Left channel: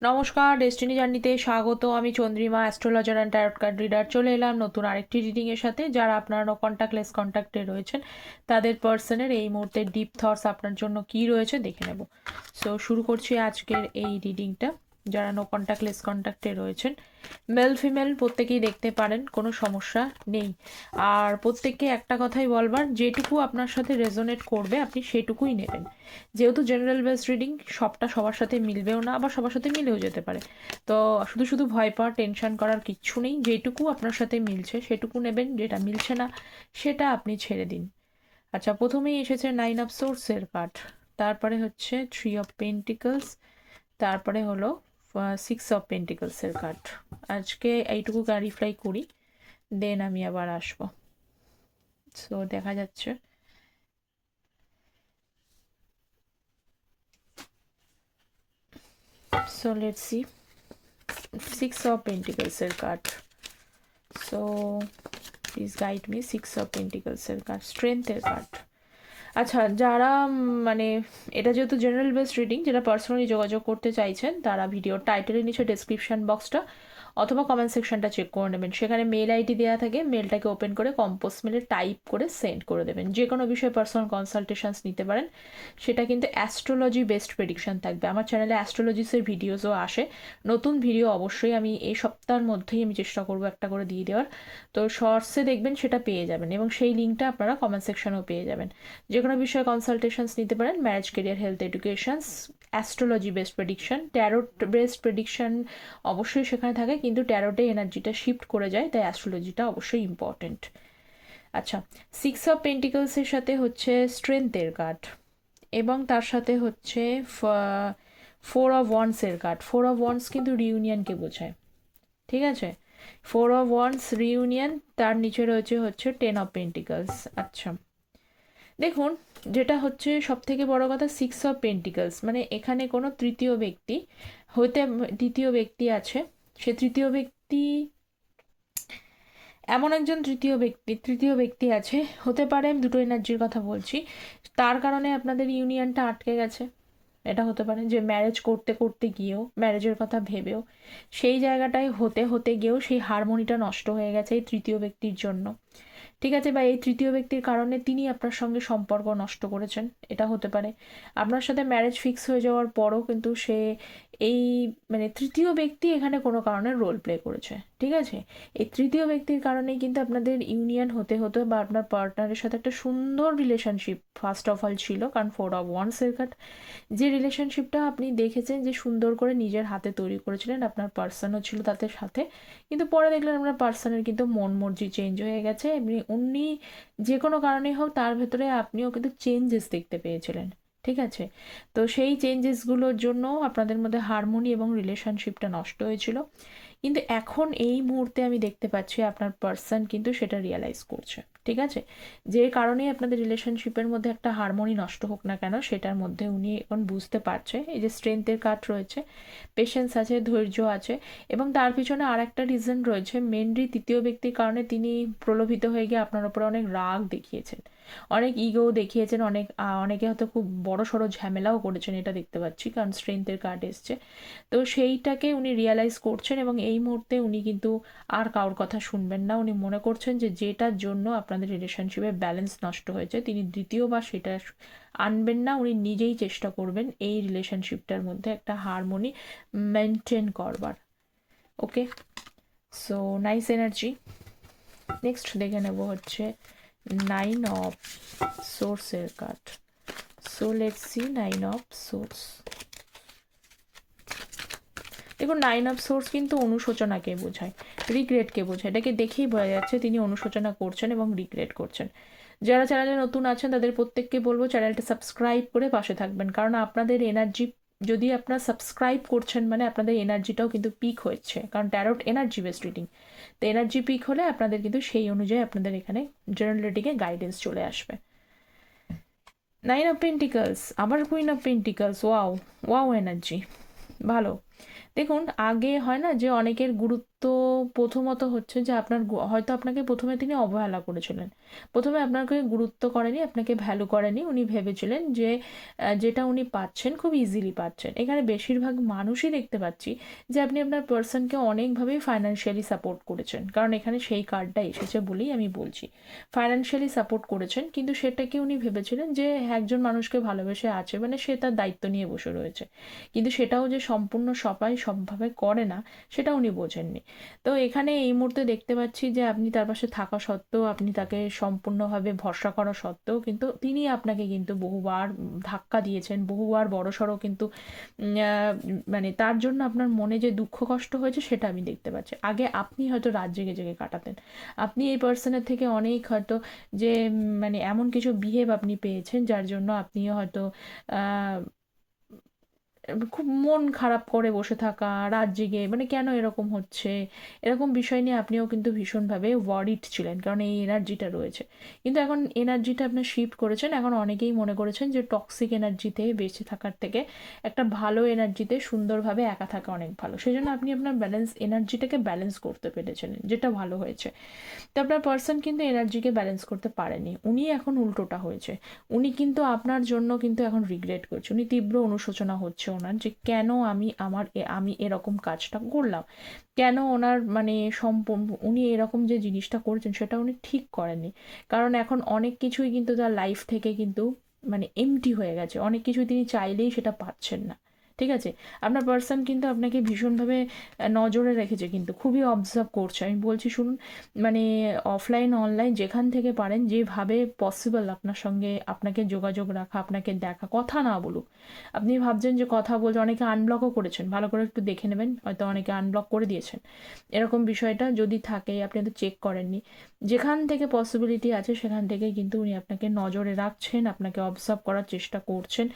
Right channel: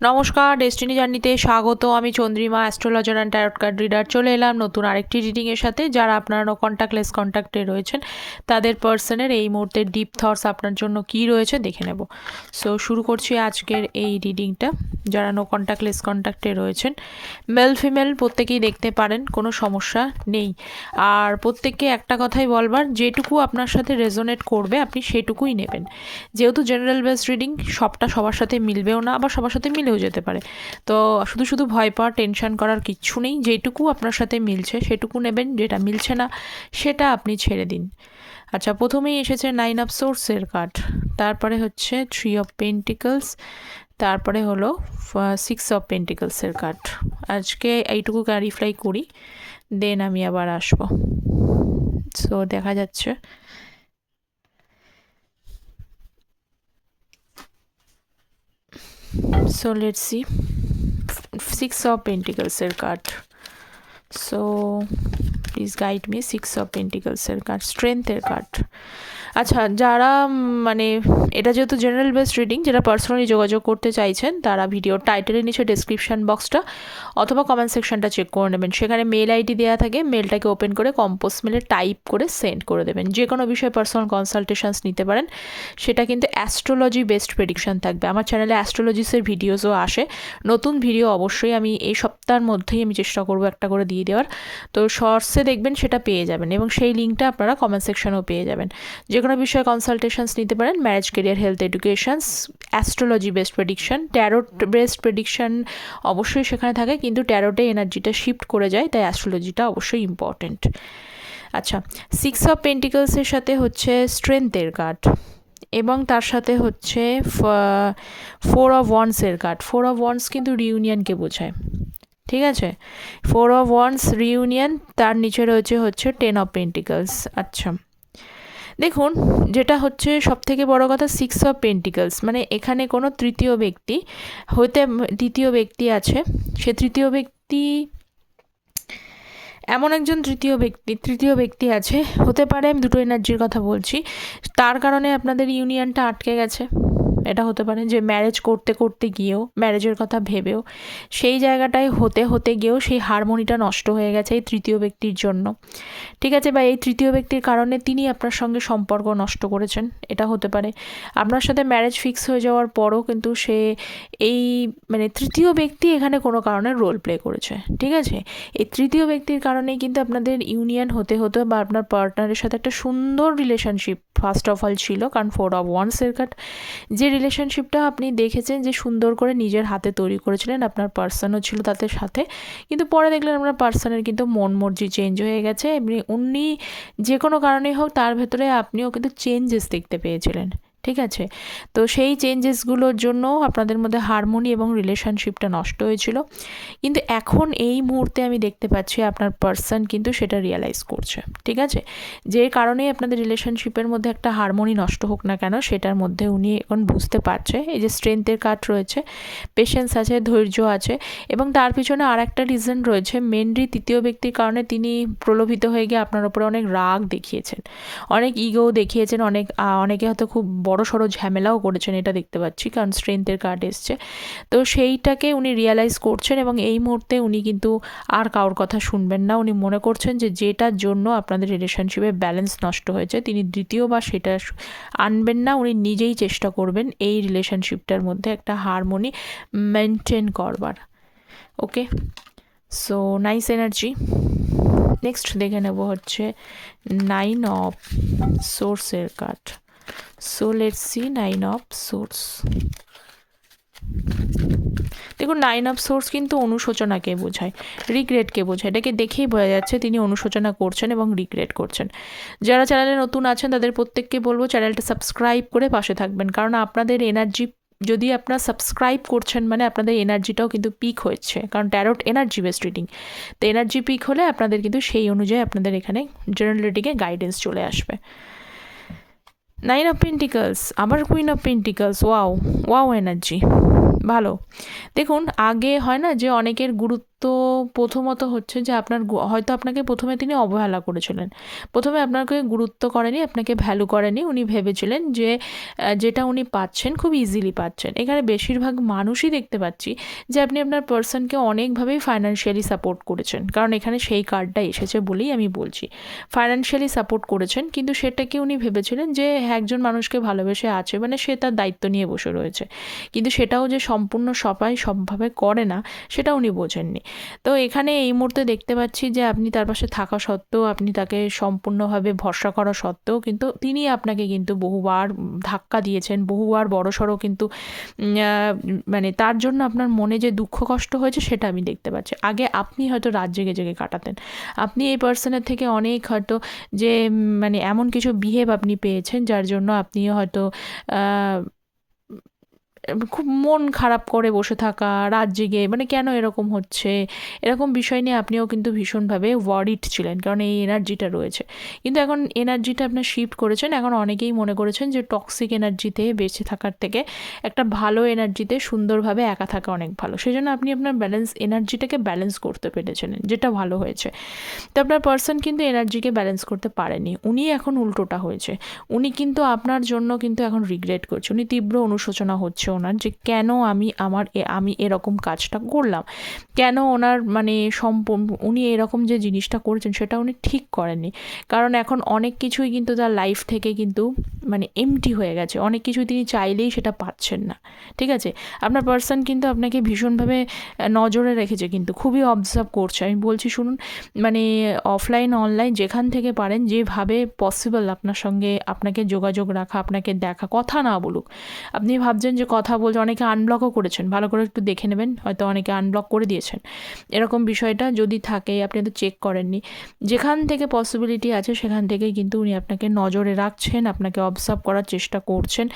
নমস্কার, ডেস্টিনি জার্নিতে স্বাগত। আমি Chandrima, astrologer and tarot card reader. চলে এলাম নতুন আরেকটি রিডিংয়ের সাথে। যারা আপনারা নো কন্ট্যাক্টলেস কন্ট্যাক্টে রয়েছেন তাদের পার্সনের এই মুহূর্তে ডিপ থটস আপনার জন্য কি রয়েছে দেখে নেব। সো শুরু করছি আজকের এই রিডিংটা। যারা নো কন্ট্যাক্টলেস কন্ট্যাক্টে রয়েছেন, মেল ফিমেল প্রত্যেকেই দেখতে পারেন, কোনো সমস্যা নেই। আর প্রত্যেককে একটা কথাই বলবার, যেটুকু আপনার সাথে রেজোনেট করবে আপনি সেটুকুই নেবেন। যেহেতু জেনারেল বেস রিডিং, সবটা সবার সাথে মিলবেও না, আবার সবার সাথে মিলেও যেতে পারে। তো শুধু শুধু ভয় পাওয়া, টেনশন করার কিচ্ছু নেই। যেটুকু আপনার সাথে মিলছে সেটুকু নেবেন, যেটা মিলছে না সেটা আপনি ছেড়ে দিন। আচ্ছা, প্রথমেই এসেছে 9 অফ সোর্সের কার্ড, তারপরে হচ্ছে 3 অফ পেন্টিকলস, তারপরে হলো 6 অফ পেন্টিকলসের কার্ড। আজকে এইটুকু ক্লারিফাই করি, দেন আমি আবার আসবো। সো দেখা যাচ্ছে So let's see. 6 of Pentacles card. So please guide me. 6 of Pentacles card. Strength card. আচ্ছা, যারা মানে এটা যেহেতু জেনারেল বেসড রিডিং, যারা পার্সোনালি যোগাযোগ করতে চাইছেন তারা ভিডিওর টাইটেলের নিচে ডেসক্রিপশন বক্সটা অথবা কমেন্ট সেকশনটা চেক করে নেবেন। সেখানে মেল আইডি দেওয়া থাকে, মেলটাকে ওপেন করে কম্পোজ মেলে টাইপ করে সেন্ড করে দেবেন। যে কোনো বিষয়ে পার্সোনাল কনসালটেশনস নিতে পারেন। সেটা কিন্তু অ্যাস্ট্রোলজি বেসড প্রেডিকশন থাকবে। আমার চ্যানেলে অ্যাস্ট্রোলজিসের ভিডিওসও আসে, নতুন ভিডিও অবশ্যই আমি এই সপ্তাহের মধ্যেই আমি চেষ্টা করবো একটা করে দিয়ে দেওয়ার। তো শর্টসে দেখবেন সেটা পেয়ে যাবেন, এবং সেই লিঙ্কটা আপনারা কমেন্ট সেকশনেও পেয়ে যাবেন। যে কোনো বিষয়ে কনসালটেশনস নিতে পারেন। Marriage, career, health, educations, astrology based prediction, tarot based prediction অবশ্যই সেখানে থাকে, কিন্তু ট্যারোটে এনার্জিটা শিফট করে যায়, তাই অ্যাস্ট্রোলজিটা অবশ্যই ইম্পর্টেন্ট। আচ্ছা, 6 অফ পেন্টিকলসের সাথে হচ্ছে স্ট্রেংথের কার্ড, এবং তার সাথে হচ্ছে 4 অফ ওয়ান্ডসের কার্ড। 4 অফ ওয়ান্ডস কিন্তু রিউনিয়নকে বোঝায়, ঠিক আছে। 4 অফ ওয়ান্ডস রিউনিয়ন, তার নিচে রয়েছে 10 অফ পেন্টিকলস। আচ্ছা, দেখুন, যেটা হচ্ছে সবথেকে বড় কথা, 6 অফ পেন্টিকলস মানে এখানে কোনো তৃতীয় ব্যক্তি হতে, তৃতীয় ব্যক্তি আছে। সে তৃতীয় ব্যক্তি এমন একজন তৃতীয় ব্যক্তি আছে, হতে পারে, আমি দুটো এনার্জির কথা বলছি, তার কারণে আপনাদের ইউনিয়নটা আটকে গেছে। এটা হতে পারে যে ম্যারেজ করতে করতে গিয়েও, ম্যারেজের কথা ভেবেও, সেই জায়গাটায় হতে গিয়েও সেই হারমোনিটা নষ্ট হয়ে গেছে এই তৃতীয় ব্যক্তির জন্য, ঠিক আছে। বা এই তৃতীয় ব্যক্তির কারণে তিনি আপনার সঙ্গে সম্পর্ক নষ্ট করেছেন, এটা হতে পারে। আপনার সাথে ম্যারেজ ফিক্স হয়ে যাওয়ার পরও কিন্তু সে এই মানে তৃতীয় ব্যক্তি এখানে কোনো কারণে রোল প্লে করেছে, ঠিক আছে। এই তৃতীয় ব্যক্তির কারণেই কিন্তু আপনাদের ইউনিয়ন হতে বা আপনার পার্টনারের সাথে একটা সুন্দর রিলেশনশিপ ফার্স্ট অফ অল ছিল, কারণ 4 অফ ওয়ান্ডসের কার্ড। যে রিলেশনশিপটা আপনি দেখেছেন যে সুন্দর করে নিজের হাতে তৈরি করেছিলেন, আপনার পার্সনও ছিল তাদের সাথে, কিন্তু পরে দেখলেন আপনার পার্সনের কিন্তু মন মর্জি চেঞ্জ হয়ে গেছে। উনি যে কোনো কারণেই হোক, তার ভেতরে আপনিও কিন্তু চেঞ্জেস দেখতে পেয়েছিলেন, ঠিক আছে। তো সেই চেঞ্জেসগুলোর জন্য আপনাদের মধ্যে হারমোনি এবং রিলেশনশিপটা নষ্ট হয়েছিল, কিন্তু এখন এই মুহূর্তে আমি দেখতে পাচ্ছি আপনার পার্সন কিন্তু সেটা রিয়েলাইজ করছে, ঠিক আছে। যে কারণেই আপনাদের রিলেশনশিপের মধ্যে একটা হারমোনি নষ্ট হোক না কেন, সেটার মধ্যে উনি এখন বুঝতে পারছে। এই যে স্ট্রেংথের কার্ড রয়েছে, পেশেন্স আছে, ধৈর্য আছে, এবং তার পিছনে আর একটা রিজন রয়েছে। মেনলি তৃতীয় ব্যক্তির কারণে তিনি প্রলোভিত হয়ে গিয়ে আপনার উপরে অনেক রাগ দেখিয়েছেন, অনেক ইগো দেখিয়েছেন, অনেকে হয়তো খুব বড় সড়ো ঝামেলাও করেছেন, এটা দেখতে পাচ্ছি, কারণ স্ট্রেংথের কার্ড এসছে। তো সেইটাকে উনি রিয়েলাইজ করছেন, এবং এই মুহূর্তে উনি কিন্তু আর কারোর কথা শুনবেন না। উনি মনে করছেন যে যেটার জন্য আপনাদের রিলেশনশিপে ব্যালেন্স নষ্ট হয়েছে, তিনি দ্বিতীয়বার সেটা আনবেন না। উনি নিজেই চেষ্টা করবেন এই রিলেশনশিপটার মধ্যে একটা হারমোনি মেনটেন করবার। ওকে, সো নাইস এনার্জি। নেক্সট দেখে নেব হচ্ছে 9 অফ সোর্সের card. So let's see 9 of swords. দেখুন, 9 অফ সোর্স কিন্তু অনুশোচনাকে বোঝায়, রিগ্রেটকে বোঝায়। এটাকে দেখেই বোঝা যাচ্ছে তিনি অনুশোচনা করছেন এবং রিগ্রেট করছেন। যারা চ্যানেলে নতুন আছেন তাদের প্রত্যেককে বলবো চ্যানেলটা সাবস্ক্রাইব করে পাশে থাকবেন, কারণ আপনাদের এনার্জি যদি আপনারা সাবস্ক্রাইব করছেন মানে আপনাদের এনার্জিটাও কিন্তু পিক হচ্ছে, কারণ ট্যারোট এনার্জি বেসড রিডিং। তো এনার্জি পিক হলে আপনাদের কিন্তু সেই অনুযায়ী আপনাদের এখানে জেনারেল রিডিংয়ে গাইডেন্স চলে আসবে। 9 অফ পেন্টিকলস, আবার queen of pentacles. Wow energy ভালো। দেখুন, আগে হয় না যে অনেকের তো প্রথমত হচ্ছে যে আপনার হয়তো আপনাকে প্রথমে তিনি অবহেলা করেছিলেন, প্রথমে আপনাকে গুরুত্ব করেনি, আপনাকে ভ্যালু করেনি। উনি ভেবেছিলেন যে যেটা উনি পাচ্ছেন খুব ইজিলি পাচ্ছেন। এখানে বেশিরভাগ মানুষই দেখতে পাচ্ছি যে আপনি আপনার পার্সনকে অনেকভাবেই ফাইন্যান্সিয়ালি সাপোর্ট করেছেন, কারণ এখানে সেই কার্ডটা এসেছে বলেই আমি বলছি। ফাইন্যান্সিয়ালি সাপোর্ট করেছেন, কিন্তু সেটাকে উনি ভেবেছিলেন যে একজন মানুষকে ভালোবেসে আছে মানে সে তার দায়িত্ব নিয়ে বসে রয়েছে, কিন্তু সেটাও যে সম্পূর্ণ সবাই সবভাবে করে না সেটা উনি বোঝেননি। তো এখানে এই মুহূর্তে দেখতে পাচ্ছি যে আপনি তার পাশে থাকা সত্ত্বেও, আপনি তাকে সম্পূর্ণভাবে ভরসা করা সত্ত্বেও কিন্তু তিনি আপনাকে কিন্তু বহুবার ধাক্কা দিয়েছেন, বহুবার বড়সড় কিন্তু মানে তার জন্য আপনার মনে যে দুঃখ কষ্ট হয়েছে সেটা আমি দেখতে পাচ্ছি। আগে আপনি হয়তো রাত জেগে জেগে কাটাতেন, আপনি এই পার্সনের থেকে অনেক হয়তো যে মানে এমন কিছু বিহেভ আপনি পেয়েছেন যার জন্য আপনিও হয়তো খুব মন খারাপ করে বসে থাকা, রাত জেগে মানে কেন এরকম হচ্ছে, এরকম বিষয় নিয়ে আপনিও কিন্তু ভীষণভাবে ওয়ারিড ছিলেন, কারণ এই এনার্জিটা রয়েছে। কিন্তু এখন এনার্জিটা আপনার শিফট করেছেন, এখন অনেকেই মনে করেছেন যে টক্সিক এনার্জিতে বেঁচে থাকার থেকে একটা ভালো এনার্জিতে সুন্দরভাবে একা থাকা অনেক ভালো। সেজন্য আপনি আপনার এনার্জিটাকে ব্যালেন্স করতে পেরেছিলেন, যেটা ভালো হয়েছে। তো আপনার পার্সন কিন্তু এনার্জিকে ব্যালেন্স করতে পারেনি, উনি এখন উল্টোটা হয়েছে। উনি কিন্তু আপনার জন্য কিন্তু এখন রিগ্রেট করছে, উনি তীব্র অনুশোচনা হচ্ছে ওনার যে কেন আমি এরকম কাজটা করলাম, কেন ওনার মানে উনি এরকম যে জিনিসটা করেছেন সেটা উনি ঠিক করেননি। কারণ এখন অনেক কিছুই কিন্তু তার লাইফ থেকে কিন্তু মানে এমটি হয়ে গেছে, অনেক কিছুই তিনি চাইলেই সেটা পাচ্ছেন না। ঠিক আছে, আপনার পার্সন কিন্তু আপনাকে ভীষণভাবে নজরে রেখেছে, কিন্তু খুবই অবজার্ভ করছে। আমি বলছি শুনুন, মানে অফলাইন অনলাইন যেখান থেকে পারেন, যেভাবে পসিবল আপনার সঙ্গে আপনাকে যোগাযোগ রাখা, আপনাকে দেখা, কথা না বলুক। আপনি ভাবছেন যে কথা বলছে, অনেকে আনব্লকও করেছেন, ভালো করে একটু দেখে নেবেন, হয়তো অনেকে আনব্লক করে দিয়েছেন। এরকম বিষয়টা যদি থাকে, আপনি তো চেক করেননি, যেখান থেকে পসিবিলিটি আছে সেখান থেকেই কিন্তু উনি আপনাকে নজরে রাখছেন, আপনাকে অবজার্ভ করার চেষ্টা করছেন।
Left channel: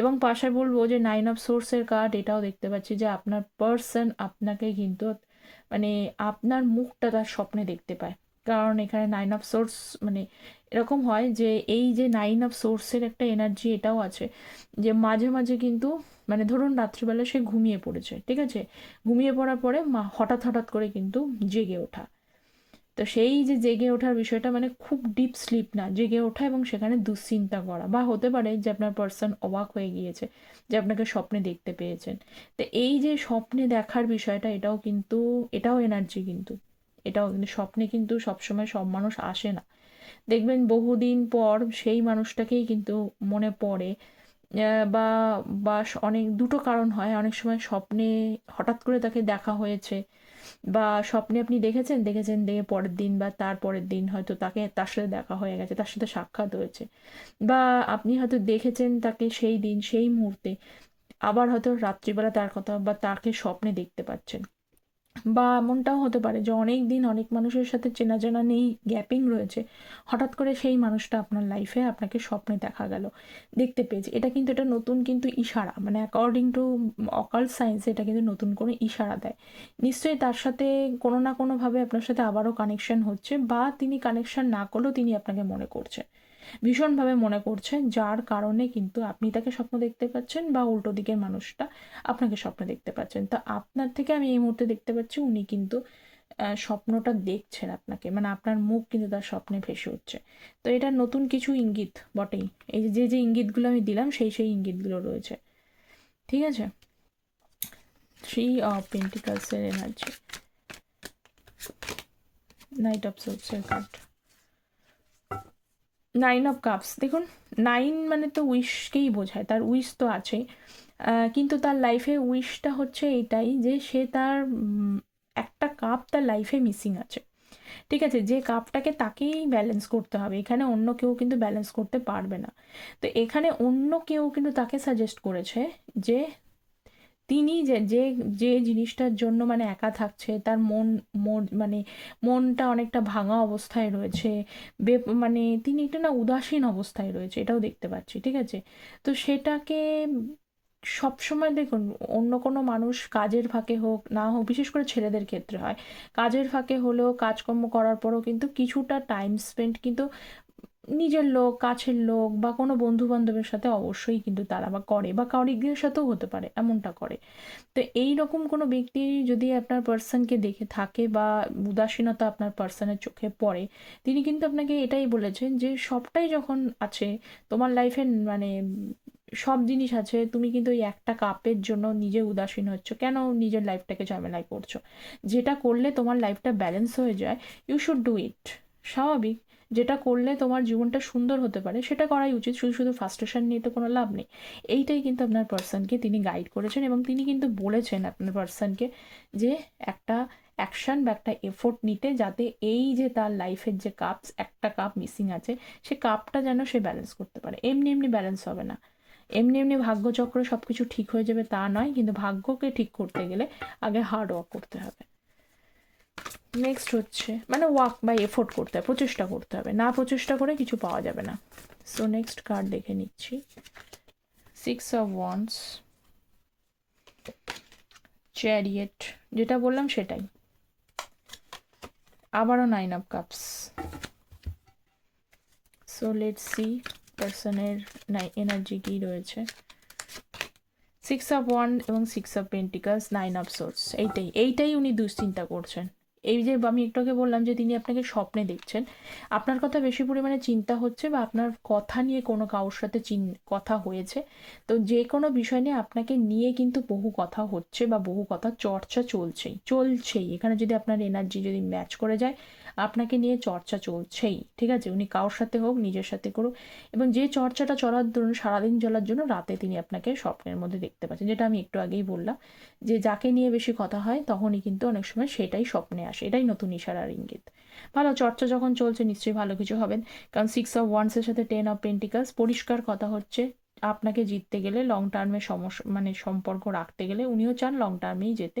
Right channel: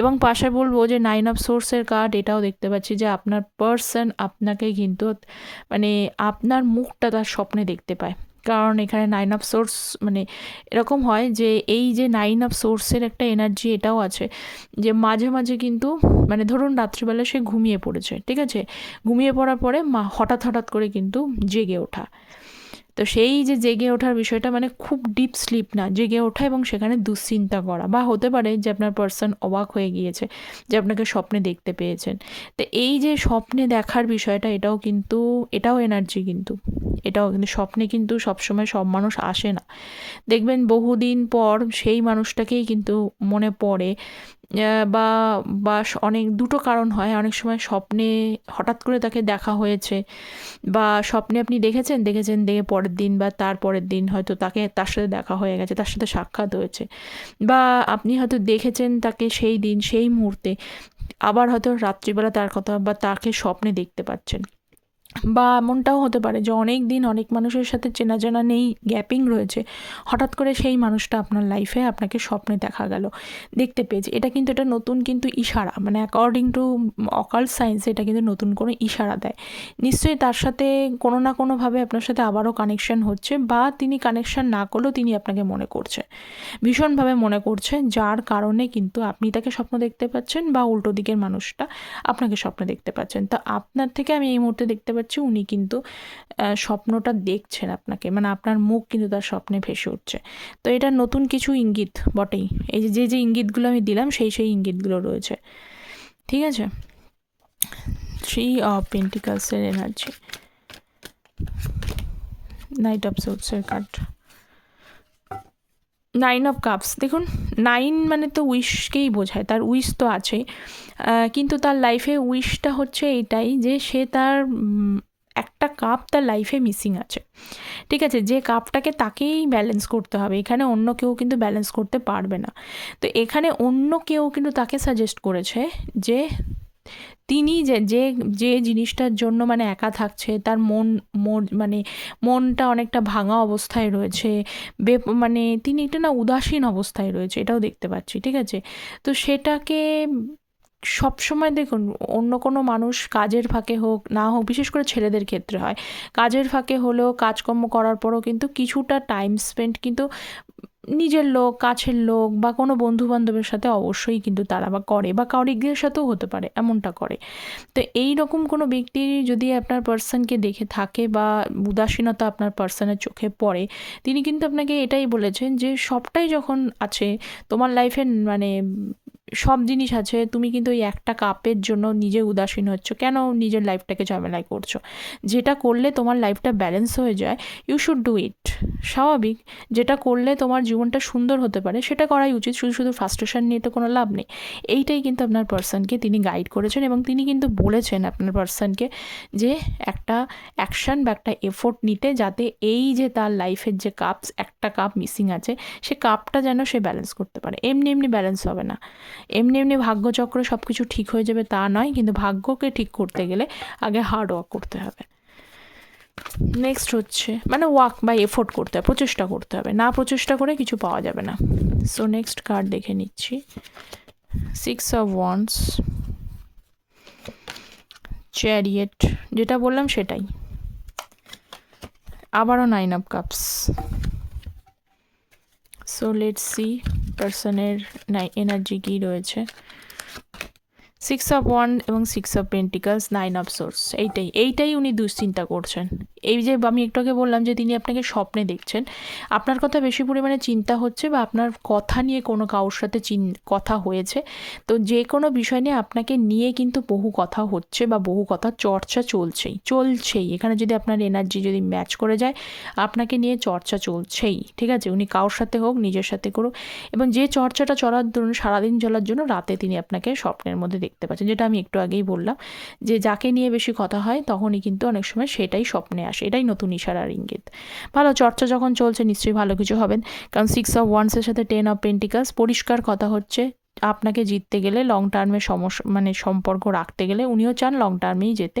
এবং পাশে বলবো যে 9 অফ সোর্সের কার্ড, এটাও দেখতে পাচ্ছি যে আপনার পার্সন আপনাকে কিন্তু মানে আপনার মুখটা তার স্বপ্নে দেখতে পায়। কারণ এখানে 9 অফ সোর্স মানে এরকম হয় যে এই যে 9 অফ সোর্সের একটা এনার্জি এটাও আছে যে মাঝে মাঝে কিন্তু মানে ধরুন রাত্রিবেলা সে ঘুমিয়ে পড়েছে, ঠিক আছে, ঘুমিয়ে পড়ার পরে হঠাৎ হঠাৎ করে কিন্তু জেগে ওঠা। তো সেই যে জেগে ওঠার বিষয়টা মানে খুব ডিপ স্লিপ না, জেগে ওঠা এবং সেখানে দুশ্চিন্তা করা, বা হতে পারে যে আপনার পার্সন অবাক হয়ে গিয়েছে যে আপনাকে স্বপ্নে দেখতে পেয়েছেন। তো এই যে স্বপ্নে দেখার বিষয়টা, এটাও এনার্জি, এটাও কিন্তু স্বপ্নে কিন্তু সবসময় সব মানুষ আসে না। দেখবেন বহুদিন পর সেই মানুষটাকেই কিন্তু মনে পড়ে, বা বা অনেক দুটো কারণ হয়, অনেক সময় স্বপ্নে হঠাৎ করে তাকে দেখা হয়েছে, বা স্বপ্নে আপনি দেখেছেন দেখে পরের দিন বা তার পরের দিন হয়তো তার সাথে দেখা হয়ে গেছে, তার সাথে সাক্ষাৎ হয়েছে, বা আপনি হয়তো দেখেছেন তাকে সেই দিন সেই মুহূর্তে, আবার হয়তো রাত্রিবেলা তার কথা বা তাকে স্বপ্নে দেখতে পাচ্ছেন। বা এমনটাও হতে পারে যে অনেক দিন অনেক মানুষের সাথে চেনা জানা নেই, গ্যাপিং রয়েছে, হঠাৎ করে সেই মানুষটা আপনার লাইফে আপনাকে স্বপ্নে দেখা গেল, দেখতে পেয়েছে। এটা নতুন কিন্তু ইশারা, মানে অ্যাকর্ডিং টু অকাল্ট সায়েন্স এটা কিন্তু নতুন কোনো ইশারা দেয়। নিশ্চয়ই তার সাথে কোনো না কোনোভাবে আপনার সাথে আবারও কানেকশন হচ্ছে, বা তিনি কানেকশন না করলেও তিনি আপনাকে মনে করছে, ভীষণভাবে মনে করছে, যার কারণে কিন্তু আপনি তাকে স্বপ্ন দেখতে পাচ্ছেন, বা উল্টো দিকের মানুষটা আপনাকে স্বপ্ন দেখতে পাচ্ছেন। তো আপনার থেকে আমি এই মুহূর্তে দেখতে পাচ্ছি উনি কিন্তু স্বপ্নটা দেখছেন আপনাকে, মানে আপনার মুখ কিন্তু তার স্বপ্নে ভেসে উঠছে। তো এটা নতুন কিছু ইঙ্গিত বটেই, এই যে ইঙ্গিতগুলো আমি দিলাম সেই ইঙ্গিতগুলো রয়েছে। ঠিক আছে, 3 অফ পেন্টিকালসের এনার্জি, নাইট অফ সোর্সের কার্ড, 9 অফ কাপস। দেখুন 9 মানে তো উইশকেই বোঝায়, তার উইশ তো আছেই, কিন্তু তার লাইফে উইশটা হচ্ছে এটাই যে সে তার একটা কাপ তার লাইফে মিসিং আছে। ঠিক আছে, যে কাপটাকে তাকেই ব্যালেন্স করতে হবে, এখানে অন্য কেউ কিন্তু ব্যালেন্স করতে পারবে না। তো এখানে অন্য কেউ কিন্তু তাকে সাজেস্ট করেছে যে তিনি যে যে যে জিনিসটার জন্য মানে একা থাকছে, তার মানে মনটা অনেকটা ভাঙা অবস্থায় রয়েছে, মানে তিনি একটা না উদাসীন অবস্থায় রয়েছে, এটাও দেখতে পাচ্ছি। ঠিক আছে, তো সেটাকে সবসময় দেখুন, অন্য কোনো মানুষ কাজের ফাঁকে হোক না হোক, বিশেষ করে ছেলেদের ক্ষেত্রে হয়, কাজের ফাঁকে হলেও কাজকর্ম করার পরও কিন্তু কিছুটা টাইম স্পেন্ড কিন্তু নিজের লোক, কাছের লোক বা কোনো বন্ধু-বান্ধবের সাথে অবশ্যই কিন্তু তারা বা করে বা কলিগদের সাথেও হতে পারে, এমনটা করে। তো এই রকম কোনো ব্যক্তি যদি আপনার পার্সনকে দেখে থাকে বা উদাসীনতা আপনার পার্সনের চোখে পড়ে, তিনি কিন্তু আপনাকে এটাই বলেছেন যে সবটাই যখন আছে তোমার লাইফে, মানে সব জিনিস আছে, তুমি কিন্তু ওই একটা কাপের জন্য নিজে উদাসীন হচ্ছ কেন, নিজের লাইফটাকে ঝামেলায় করছো। যেটা করলে তোমার লাইফটা ব্যালেন্স হয়ে যায়, ইউ শুড ডু ইট। স্বাভাবিক, যেটা করলে তোমার জীবনটা সুন্দর হতে পারে সেটা করাই উচিত। শুধু শুধু ফ্রাস্ট্রেশন নিয়ে তো কোনো লাভ নেই। এইটাই কিন্তু আপনার পার্সনকে তিনি গাইড করেছেন এবং তিনি কিন্তু বলেছেন আপনার পার্সনকে যে একটা অ্যাকশন বা একটা এফোর্ট নিতে, যাতে এই যে তার লাইফের যে কাপস, একটা কাপ মিসিং আছে, সে কাপটা যেন সে ব্যালেন্স করতে পারে। এমনি এমনি ব্যালেন্স হবে না, এমনি এমনি ভাগ্যচক্রে সব কিছু ঠিক হয়ে যাবে তা নয়, কিন্তু ভাগ্যকে ঠিক করতে গেলে আগে হার্ড ওয়ার্ক করতে হবে। নেক্সট হচ্ছে মানে ওয়ার্ক বা এফোর্ট করতে হবে, প্রচেষ্টা করতে হবে, না প্রচেষ্টা করে কিছু পাওয়া যাবে না। সো নেক্সট কার্ড দেখে নিচ্ছি। 6 অফ ওয়ান্ডস, চ্যারিয়েট, যেটা বললাম সেটাই। আবারও 9 of cups. So let's see পার্সনের এনার্জি কী রয়েছে। 6 অফ ওয়ান্ড এবং 6 অফ পেন্টিকালস, 9 অফ সোর্স। এইটাই উনি দুশ্চিন্তা করছেন। এই যে আমি একটু আগে বললাম যে তিনি আপনাকে স্বপ্নে দেখছেন, আপনার কথা বেশি পরিমাণে চিন্তা হচ্ছে বা আপনার কথা নিয়ে কোনো কারোর সাথে কথা হয়েছে। তো যে কোনো বিষয় নিয়ে আপনাকে নিয়ে কিন্তু বহু কথা হচ্ছে বা বহু কথা চর্চা চলছেই। এখানে যদি আপনার এনার্জি যদি ম্যাচ করে যায়, আপনাকে নিয়ে চর্চা চলছেই, ঠিক আছে। উনি কারোর সাথে হোক, নিজের সাথে করুক, এবং যে চর্চাটা চলার ধরুন সারাদিন চলার জন্য রাতে তিনি আপনাকে স্বপ্নের মধ্যে দেখতে পাচ্ছেন, যেটা আমি একটু আগেই বললাম যে যাকে নিয়ে বেশি কথা হয় তখনই কিন্তু অনেক সময় সেটাই স্বপ্নে আসে। এটাই নতুন ইশারার ইঙ্গিত। ভালো, চর্চা যখন চলছে নিশ্চয়ই ভালো কিছু হবেন, কারণ 6 অফ ওয়ান্ডসের সাথে 10 অফ পেন্টিকালস। পরিষ্কার কথা হচ্ছে, আপনাকে জিততে গেলে লং টার্মে সমস্যা, মানে সম্পর্ক রাখতে গেলে, উনিও চান লং টার্মেই যেতে,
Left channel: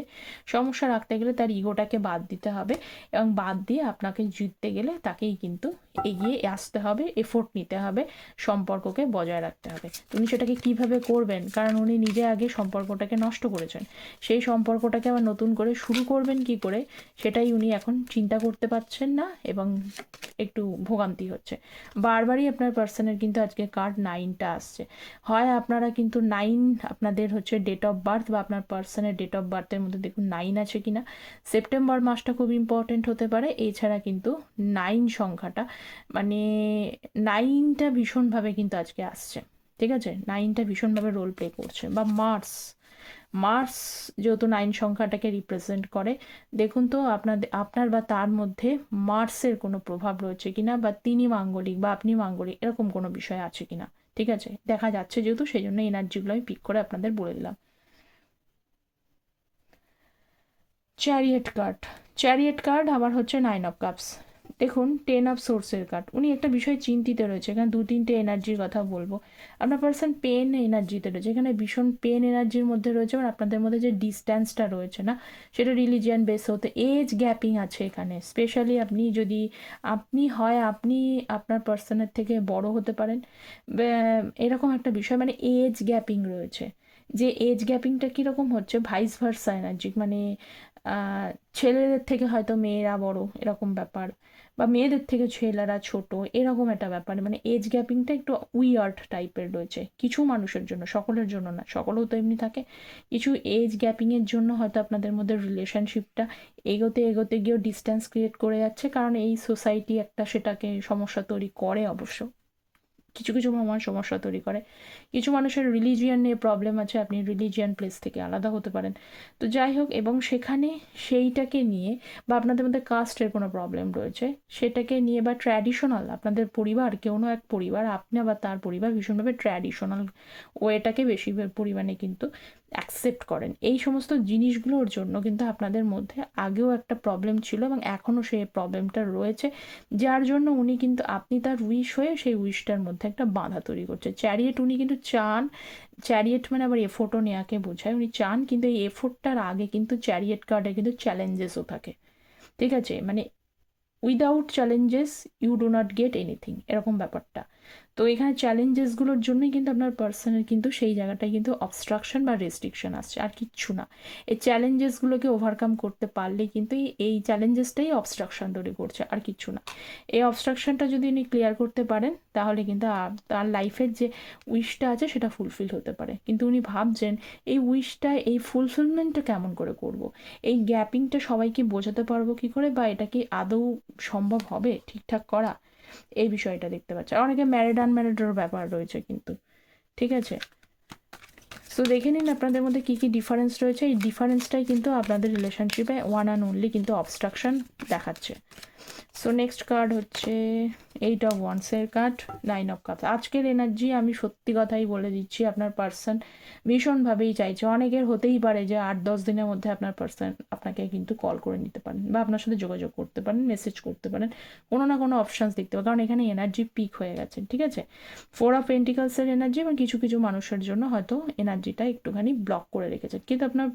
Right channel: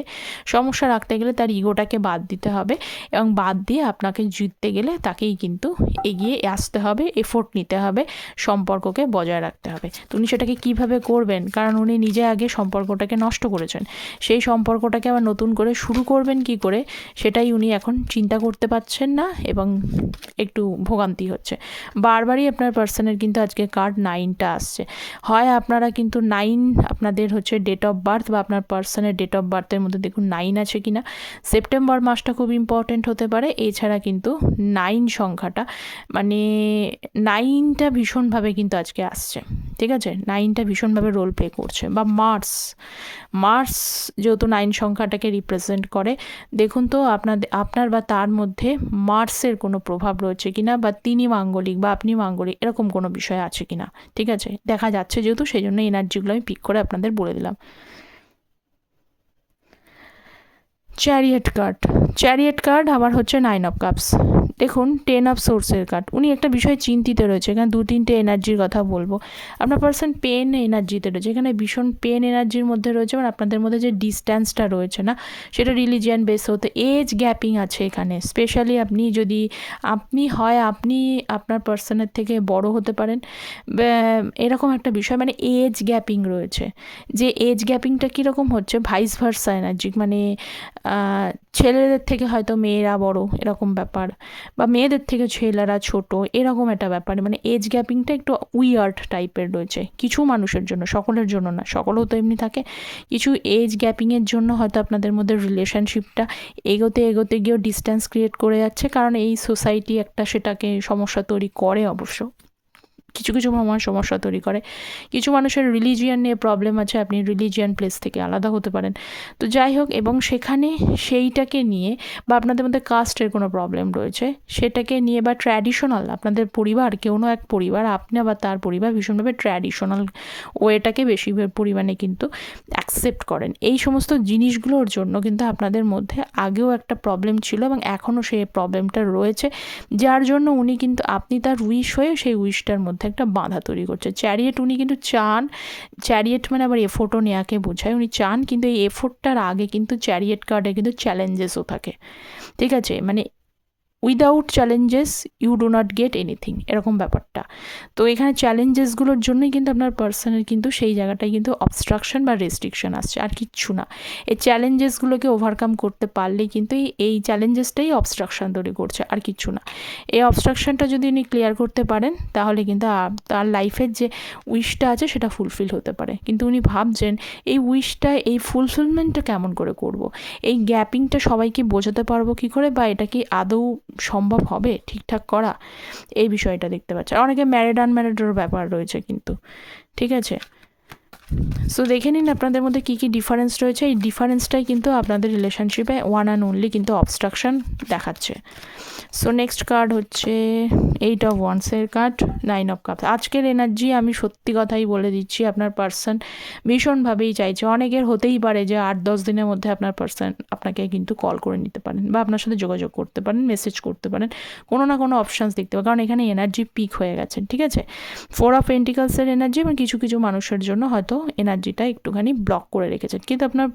সমস্যা রাখতে গেলে তার ইগোটাকে বাদ দিতে হবে এবং বাদ দিয়ে আপনাকে জিততে গেলে তাকেই কিন্তু এগিয়ে আসতে হবে, এফোর্ট নিতে হবে, সম্পর্ককে বজায় রাখতে হবে। তো উনি সেটাকে কীভাবে করবেন, কারণ উনি নিজে আগে সম্পর্কটাকে নষ্ট করেছেন, সেই সম্পর্কটাকে আবার নতুন করে শুরু করবেন কি করে, সেটাই উনি এখন চিন্তা করতে পারছেন না এবং একটু ভোগান্তি হচ্ছে। বারবারই আপনার পার্সনের কিন্তু আজকে কার্ড 9টা আসছে। হয় আপনারা কিন্তু 9, আপনাদের হচ্ছে ডেট অফ বার্থ বা আপনার পার্সনের ডেট অফ বার্থের মধ্যে দেখুন 9 আছে কিনা। সেপ্টেম্বর মাসটা খুব ইম্পর্টেন্ট হতে পারে। এছাড়া কিন্তু 9 সংখ্যাটা, মানে 9টা ভীষণভাবে কিন্তু আজকে আসছে, ঠিক আছে। 9টা ভীষণভাবে রোল প্লে করছে। বা মার্স যেহেতু 9 সংখ্যাটাকে রিপ্রেজেন্ট করে, দেখুন তো আপনার বা তার মধ্যে মার্সের কোনো প্রভাব রয়েছে কিনা, বা তিনি মাঙ্গলিক বা আপনি মাঙ্গলিক, এরকম কোনো বিষয় আছে কিনা, ঠিক আছে। দেখা যাচ্ছে যেহেতু, সেই জন্য এনার্জিগুলো আমি পিক করে আপনাদের বলে দিলাম। চ্যারিয়েট কার্ড আবার হচ্ছে 9 অফ কাপস। দেখুন 10 অফ সোর্সের কার্ড। উনি একটা বিষয়ে চিন্তিত রয়েছে, এখানে 2-3টে এনার্জির কথা বলবো। আপনার পার্সন পেন এনার্জিতে রয়েছে, এখানে ভীষণ পেন এনার্জির মধ্যে রয়েছে, মানে আপনাদের মধ্যে যে ডিস্ট্যান্সটা রয়েছে না, সেটা রিলিজিয়ান বেস হতে, এজ গ্যাপিং আছে এখানে। স্পেশালি আপনি আপনার পার্সনের থেকে বড় হতে পারেন, এরকম একটা বিষয়, মানে এজ গ্যাপিং রয়েছে। যে এজ গ্যাপিংটা কীরকম হচ্ছে, ভাইস ভার্সা এনার্জি, মানে ছেলেদের থেকে হয়তো মেয়েরা বড়, এরকম ব্যাপার, বা মেয়েদের থেকে ছেলেরা ছোট, এরকম একটা ব্যাপার। মানে এজ গ্যাপিংটা একটু উইয়ার্ড টাইপের রয়েছে কিছু মানুষের জন্য, সকলের জন্য না, সকলেও তো এমনি থাকে। কিছু এজ গ্যাপিংয়ের জন্য হয়তো আপনাদের মধ্যে রিলেশনশিপটা এগোতে গিয়েও ডিস্ট্যান্স ক্রিয়েট করে যাচ্ছে, কারণ এই সোসাইটি একটা সেটাকে সমস্যা তৈরি করে। অবশ্য কিছু মানুষ সমস্যা তৈরি করে, কিছু মানুষের রিলিজিয়ান নিয়ে প্রবলেম আছে, আপনি রিলিজিয়ান প্লেস থেকে আলাদা হতে পারেন। তো যাই হোক, এবং সেখানে সেইটাকে নিয়ে, বা আপনাদের মধ্যে কাস্টের কোনো প্রবলেম রয়েছে সেটাকে নিয়ে, বা ট্র্যাডিশনাল, আপনাদের পরিবার, কেউ না এক পরিবার, আপনি বা তার পরিবার ভীষণভাবে ট্র্যাডিশনাল ওয়েটাকে বেশি পরিমাণে কিন্তু অ্যাকসেপ্ট করেন। এই সমস্ত জিনিসগুলোর জন্য কিন্তু আপনাদের মধ্যে আগেও একটা প্রবলেম ছিল এবং এখনও সেই প্রবলেমটা রয়েছে, যার জন্য উনি কিন্তু, আপনি তার উইশ হয়ে সেই উইশটার মধ্যে একটা বাধা তৈরি করছে। চ্যারিয়েট উনি কিন্তু চান, চ্যারিয়েট মানে আবার এফোর্টও নেওয়াকে বোঝায়, উনি চান, কিন্তু এই এফোর্টটার আগে কিন্তু চ্যারিয়েট কার্ডে কিন্তু চ্যালেঞ্জেসও থাকে, ঠিক আছে। মানে without challenges you do not get anything, এরকম ব্যাপারটা। তো এখানে চ্যালেঞ্জেসগুলোর জন্যই কিন্তু আপনার পার্সনের কিন্তু সেই জায়গাটায় কিন্তু অবস্ট্রাকশন বা রেস্ট্রিকশন আসছে, আর কিচ্ছু না। এই চ্যালেঞ্জেসগুলোকে ওভারকাম করতে পারলেই কিন্তু এই চ্যালেঞ্জেসটাই অবস্ট্রাকশন তৈরি করছে, আর কিচ্ছু না। এই অবস্ট্রাকশনটা যদি উনি ক্লিয়ার করতে পারেন তাহলে কিন্তু তার লাইফের যে উইশটা আছে সেটা ফুলফিল হতে পারে। কিন্তু উনি ভাবছেন এই উইশটা, এই ফুলফিলমেন্টটা কেমন করে করব, এই গ্যাপিংটা সবাইকে বোঝাতে পারবো কী করে, বা এটা কি আদৌ সম্ভব হবে ঠিকঠাক করা, এই বিষয়টা দেখতে পাচ্ছে। আর অনেকে ম্যারিড আনম্যারিডেরও ব্যাপার রয়েছে কিন্তু, ঠিক আছে। সো দেখে নিন আপনাদের মধ্যে কী কী ডিফারেন্স রয়েছে। এই ডিফারেন্সটাই কিন্তু আপনাদের রিলেশনশিপে ওয়ান অ্যান্ড অনলি কিন্তু অবস্ট্রাকশন দেখাচ্ছে। সো নেক্সট কার্ড হচ্ছে 8 অফ ওয়ান্সের কার্ড, 9 অফ কাপস। আজকের এনার্জি আমি সত্যি কথাই বলে দিচ্ছি, আপনার পার্সন ভীষণভাবেই চাইছে। অনেকের হতেই পারে যে 8-10 দিনের মধ্যে আপনার পার্সন আপনাকে কিন্তু কল করে নিতে পারেন, বা আপনার সাথে যোগাযোগ করতে পারেন, মেসেজ করতে পারেন, কোনো না কোনো অপশানস দেখতে পারেন, কারণ এখানে এনার্জি পিক হয়ে গেছে, ঠিক আছে। 4 অফ পেন্টিকালসের এনার্জি, এবং কিছু কিছু মানুষের জন্য হয়তো এনার্জিটা একটুখানি ব্লক করে রেখেছেন, কিন্তু আপনার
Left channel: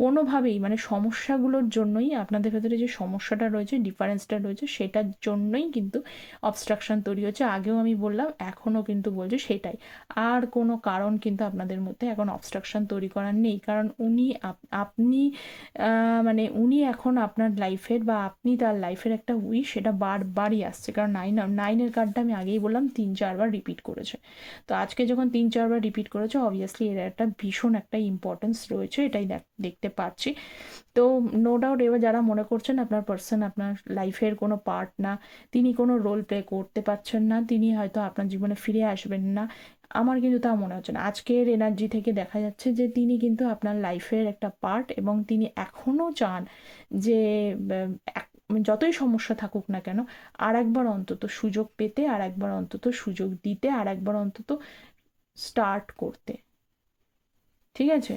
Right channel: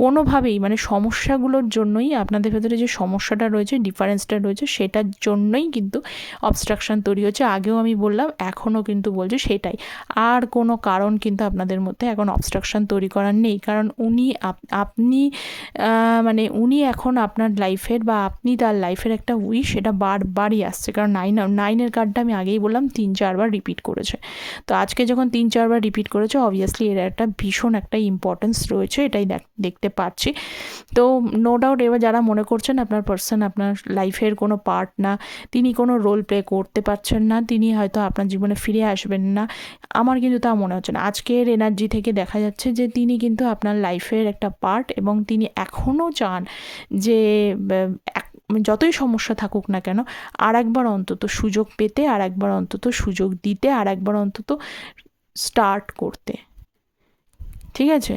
কোনোভাবেই মানে সমস্যাগুলোর জন্যই, আপনাদের ভেতরে যে সমস্যাটা রয়েছে, ডিফারেন্সটা রয়েছে, সেটার জন্যই কিন্তু অবস্ট্রাকশন তৈরি হচ্ছে। আগেও আমি বললাম, এখনও কিন্তু বলছি সেটাই। আর কোনো কারণ কিন্তু আপনাদের মধ্যে এখন অবস্ট্রাকশন তৈরি করার নেই, কারণ আপনি মানে উনি এখন আপনার লাইফের, বা আপনি তার লাইফের একটা উইশ, সেটা বারবারই আসছে। কারণ 9-এর কার্ডটা আমি আগেই বললাম 3-4 বার রিপিট করেছে। তো আজকে যখন 3-4 বার রিপিট করেছে, অবভিয়াসলি এর একটা ভীষণ একটা ইম্পর্টেন্স রয়েছে, এটাই দেখতে পাচ্ছি। তো নো ডাউট এবার যারা মনে করছেন আপনার পার্সন আপনার লাইফের কোনো পার্ট না, তিনি কোনো রোল প্লে করতে পারছেন না, তিনি হয়তো আপনার জীবনে ফিরে আসবেন না, আমার কিন্তু তা মনে হচ্ছে না। আজকের এনার্জি থেকে দেখা যাচ্ছে যে তিনি কিন্তু আপনার লাইফের একটা পার্ট, এবং তিনি এখনও চান যে যতই সমস্যা থাকুক না কেন, আর একবার অন্তত সুযোগ পেতে, আর একবার অন্তত সুযোগ দিতে, আর একবার অন্তত স্টার্ট করতে, ঠিক আছে।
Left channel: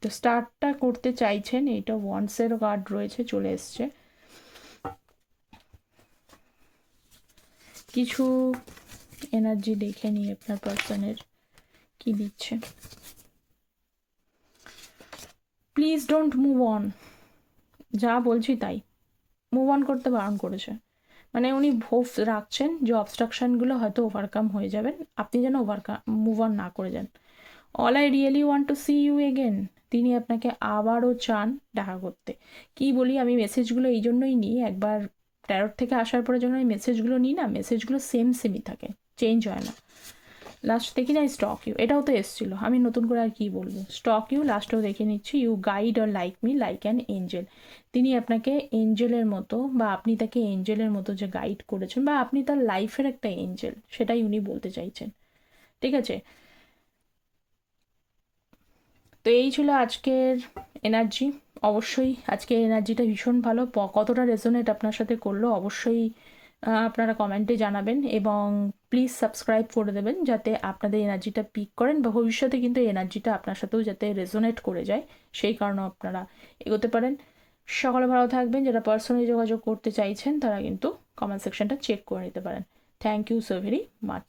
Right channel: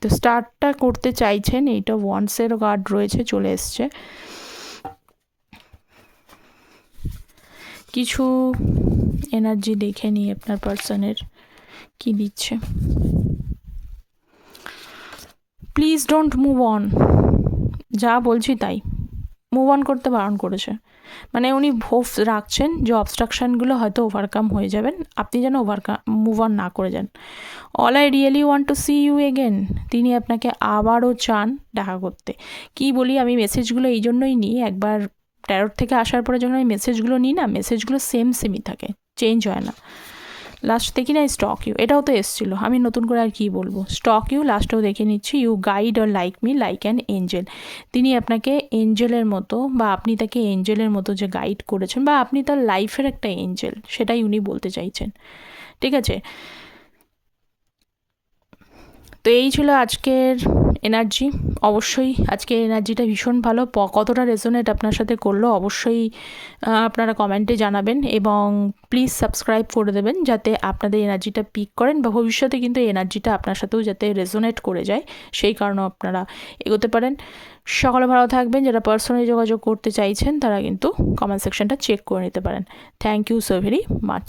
তো স্টার্টটা করতে চাইছেন, এইটা ওয়ান্সের কার্ড রয়েছে, চলে এসছে। কিছু এনার্জি দেখে নিই আপনার পার্সনের কি দিচ্ছে। প্লিজ ডোন্ট মুভ অন, যা বলছি তাই, মুভ অন করতে বারণ করেছে। মানে উনি হোপ রাখছেন যে অবস্ট্রাকশানগুলো হয়তো ওভারকাম হয়ে যাবেন, আপনি যেন মুভ অন না করে যান। All I really want to see you again, তিনি আপনাকে আবারও চান দেখা করতে। কি বলি, আমি মেসেজগুলো এই জন্যই নিই, একবার ট্যারোট থেকে আসার পরে যখন আমি মেসেজগুলো নিই না, মেসেজগুলো সেমই থাকে, চেঞ্জ হয় না। লাস্ট দেখি না স্টক ইউ, এটাও তো এসেছিলো, আমি নতুন করে আর কি বলবো। স্টক ইউ লাস্টেও দেখে নিচ্ছি, you guide or like me like an angel. তিনি আপনাকে এঞ্জেলের মতো, বা আপনি তাকে এঞ্জেলের মতো যে গাইড করেছেন, বা আপনি তার লাইফের একটা এঞ্জেল, সেটাই উনি বলতে চাইছেন, ঠিক আছে। তো এই ছিল আজকের এনার্জি। অবশ্যই আজকের এনার্জিটা ভীষণ ভালো, কতটা রেজোনেট আপনার সাথে করলো অবশ্যই আপনারা কমেন্টে জানাবেন, এবং প্লিজ সাবস্ক্রাইব করে দেবেন যাতে আপনাদের এনার্জিটা পিক করেন, বা ভবিষ্যতে কিন্তু এই এনার্জিটা আপনার সাথেও যাতে রেজোনেট করে যায়, সেই কারণেও আপনারা এগোতে পারেন। সকলে ভালো থাকবেন। যারা পার্সোনালি যোগাযোগ করতে চাইছেন তারা কিন্তু কমেন্ট সেকশনটা চেক করে নিতে পারেন। Thank you so very much.